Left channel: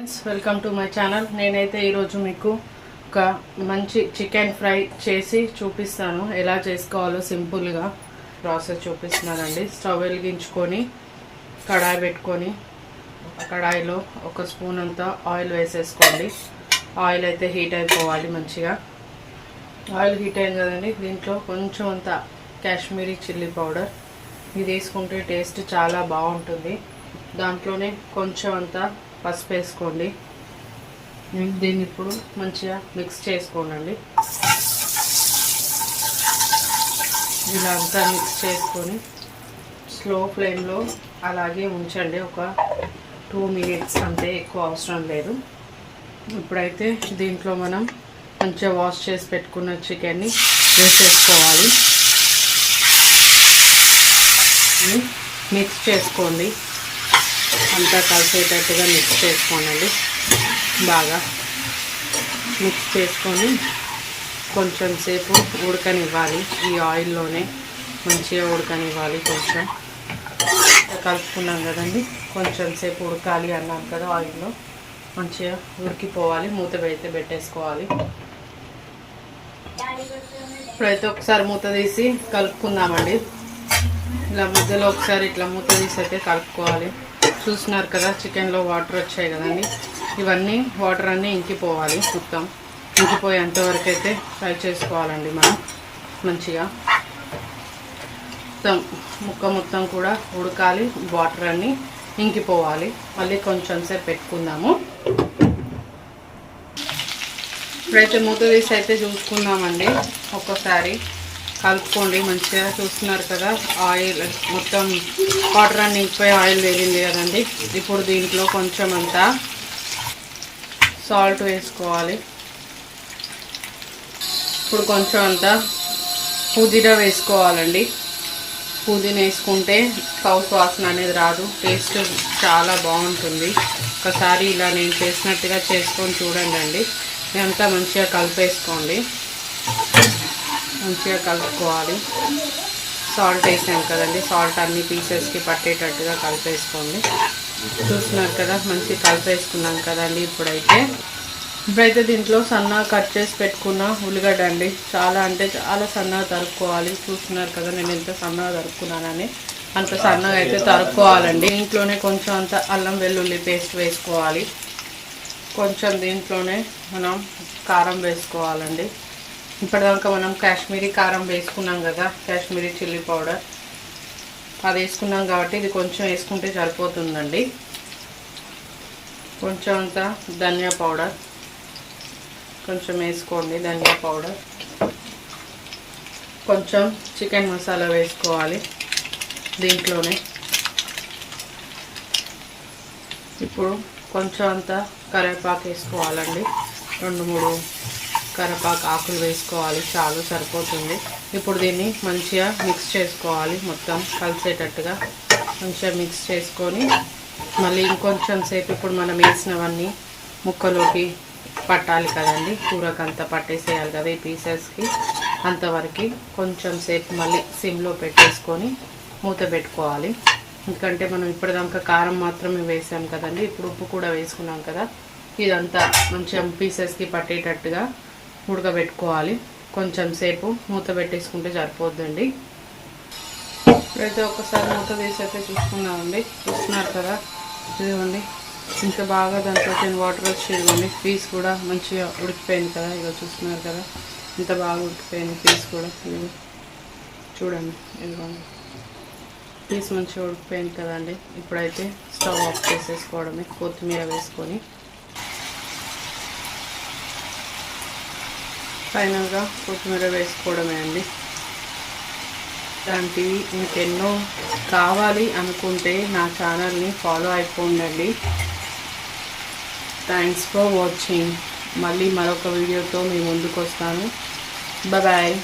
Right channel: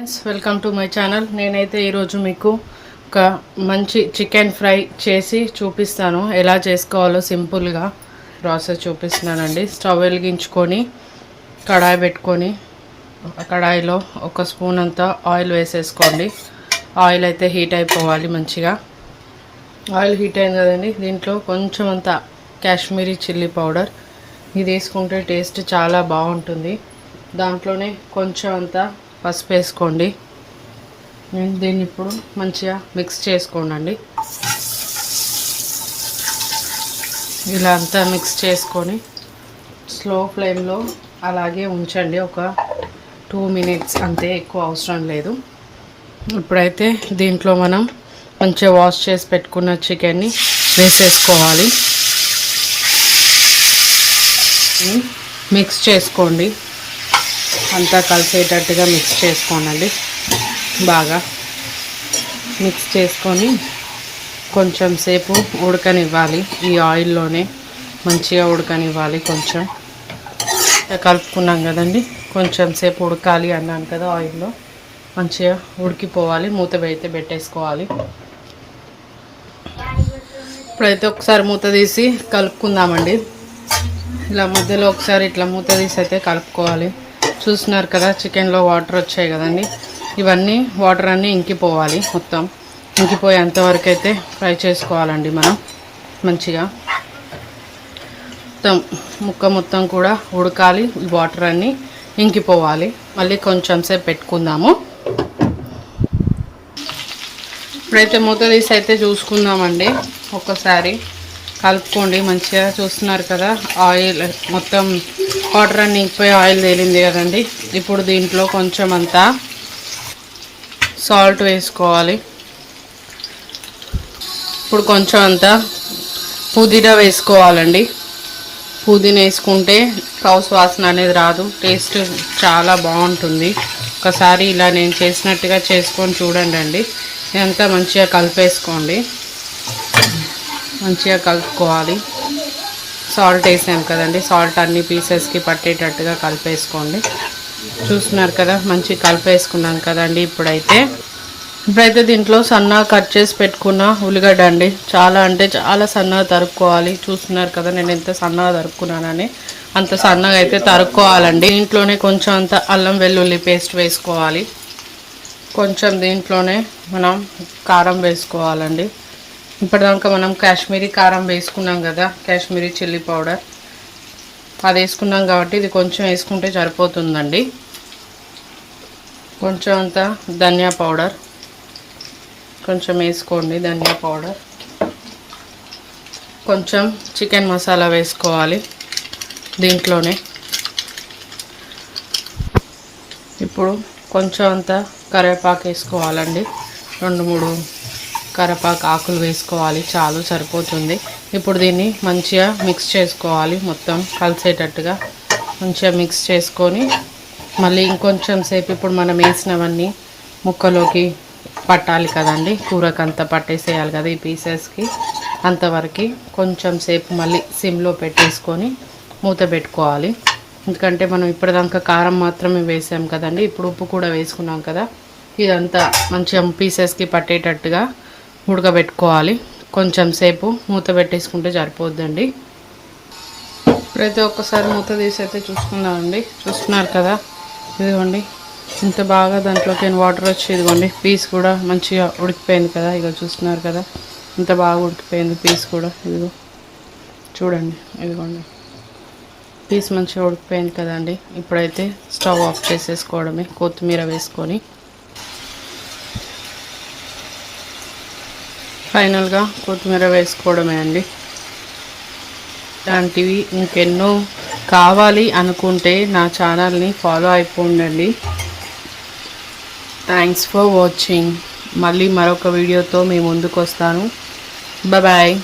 Welcome to my channel. నేనైతే ఈరోజు మీకు ఒక మంచి చికెన్ ఫ్రై చేసి చూపిస్తాను. ఎలా చేసుకోవాలో సింపుల్గా ప్రాసెస్ చూపిస్తున్నానండి. స్టవ్ వెలిగించుకొని కడాయి పెట్టుకొని కడాయిలో ఒక స్పూన్ అంతా ఆయిల్ వేసేసుకోండి. ఆయిల్ అయితే హీట్ అయిపోవాలి మంచిగా. ఆయిల్ హీట్ అయింది కదండి, దీంట్లో కొంచెం అంతా కాశ్మీరీ చిల్లీ పౌడర్ ఇది వేసుకుంటే టేస్ట్ చాలా బాగుంటుంది. దాంట్లోనే కొంచెం అంతా పసుపు వేసుకోండి. దీన్ని ఇప్పుడు మంచిగా మిక్స్ చేసుకోండి. ఇలా అంతా మిక్స్ చేసుకొని స్లో ఫ్లేమ్లో అలాగే ఉంచండి. ఒక 2 minutes అంతే, ఎక్కువ అవసరం లేదు. ఇప్పుడైతే దీంట్లో మనం మంచిగా వాష్ చేసి పెట్టుకున్న చికెన్ని వేసేసుకోవాలి. మిక్స్ చేసుకోండి, అంతా కలిసేటట్టుగా మిక్స్ చేసుకోండి. బాగా మిక్స్ చేసుకొని కొంచెం సేపు ఉడకనివ్వాలి. ఈ ఆయిల్లోనే మంచిగా ఉడకనివ్వాలి. కొంచెం కలుపుకున్నాం కదండి, కొంచెం సేపు ఉడకాలి అన్నాను కదా, ఆయిల్లో మంచిగా ఉడికిపోవాలి. మూత అయితే పెట్టేసుకోవాలి. ఇప్పుడైతే ఒకసారి మూత తీసి కలుపుకుందామండి. ఇలా మధ్యలో ఒకసారి ఇట్లా మూత తీసి అయితే కలుపుకోవాలి. చూస్తున్నారు కదా, చికెన్లో వాటర్ వచ్చాయి కదండి, ఇవన్నీ వాటర్ అన్నీ ఇంకిపోవాలి. మొత్తం ఇంకిపోయేంతవరకు అయితే ఫ్రై చేసుకోవాలండి మనం మంచిగా. మొత్తం కూడా ఉడకాలి, వాటర్ అన్నీ ఇంకిపోవాలి. మళ్ళీ కొంచెం సేపు పెట్టుకుందాము. ఇప్పుడైతే మూత తీసి అయితే చూసుకుందామండి. ఒక్కసారి కలుపుకోండి మంచిగా. చూస్తున్నారు కదా, ఆయిల్ మొత్తం వాటర్ అన్ని ఇంకిపోయి ఆయిల్ తేలింది కదండి. ఇప్పుడు దీంట్లో కొంచెం అంతా సాల్ట్ వేసుకోవాలి. ఇప్పుడు కొంచెం అంతా పుదీనా వేసుకోవాలండి. పుదీనా వేసుకుంటే కౌసు వాసన అనేది రాదు, టేస్ట్ చాలా బాగుంటుంది. ఒకసారి ఇలా నేను చేసినట్టుగా చేసుకొని చూడండి. ఇదంతా మంచిగా కలిపేసుకోండి. మంచిగా కలుపుకోవాలి. సాల్ట్ వేసాం కదండి, సాల్ట్ అన్ని పీసెస్కి పట్టేటట్టుగా కలిపేసుకోండి. చూస్తున్నారు కదా, మంచిగా కలిపేసుకున్నాం కదండి. ఇప్పుడైతే దీంట్లో సన్నగా కట్ చేసి పెట్టుకున్న ఉల్లిగడ్డ అండి, చాలా అంటే చాలా సన్నగా తరుక్కోవాలి. చూస్తున్నారు కదా నేను ఎంత సన్నగా తరుక్కున్నానని, అంత సన్నగా అయితే తరుక్కోవాలండి. దీంట్లోనే కొంచెం అంత అల్లం వెల్లుల్లి పేస్ట్ వేసుకోవాలి. కొంచెం దీంట్లోనే మనం కారం వేసుకోవాలండి. ఇప్పటిదాకా మనం కాశ్మీరీ కారం వేసుకున్నాం కదా, కాశ్మీరీ చిల్లీ పౌడర్ అది వేసుకున్నాం కాబట్టి ఇది కొంచెం వేసుకుంటే సరిపోతుందండి. కొంచెం అంత ధనియా పౌడర్ కొంచెం వేసుకోండి. ధనియా పౌడర్ కొంచెం చికెన్ మసాలా వేసుకోవాలి దీంట్లోనే. ఇప్పుడు కొంచెం అంత కరివేపాకు వేసుకోవాలండి. 2-3 కరివేపాకు ఆకులు వేసుకోవాలి, చాలు సరిపోతుంది. ఇప్పుడు దీన్ని మంచిగా మిక్స్ చేసుకోవాలి. మొత్తం కలిసేటట్టుగా మంచిగా మిక్స్ చేసుకొని మళ్ళీ ఇంకొంచెం సేపు ఇప్పుడు మనం వేసినవన్నీ ముక్కలోకి పట్టాలి కదండి. కూరకంతా పట్టేసేయాలి కదా ఈ పీసెస్కి. అంతవరకు కొంచెం సేపు మళ్ళీ సిమ్లో పెట్టేసుకొని మూత పెట్టుకోవాలి. ఎందుకంటే మనం ఇప్పటిదాకా కారం మాత్రమే వేసాం కదండి, ఇప్పుడు ఉప్పు కూడా వేసుకున్నాం కదా. ఇదంతా మంచిగా పీసెస్కి పట్టేటట్టుగా ఉడకబెట్టుకోవాలి. కొంచెం సేపు మూత పెట్టేసుకుంటే సరిపోద్దండి. ఇప్పుడైతే ఒక్కసారి మూత తీసి అయితే చూసుకున్నామండి. చూస్తున్నారు కదా, ఇదిగోండి ఇంత బాగా దాంట్లోకి వాటర్ వచ్చి ఇదిగోండి పీస్ కూడా మంచిగా ఉడికిపోయింది కదా. ఇక చూస్తున్నారు కదా ఇంత బాగా ఉడికిపోయింది పీస్ కూడా. ఇదిగో చూడండి, ఇదిగోండి పీస్ మంచిగా ఉడికిపోయింది కదండి. ఇప్పుడైతే స్టవ్ ఆఫ్ చేసేసుకోవడమే, కొత్తిమీర వేసుకొని ఫైనల్గా కొత్తిమీర వేసుకోవడమే అండి. ఇలాంటివి ఇంకెన్నో కావాలి అనుకుంటే నా ఛానల్ని ఫాలో అయిపోండి. Thanks for watching. మళ్ళీ మరొక వీడియోతో మీ ముందుకు వస్తాను. బాయ్.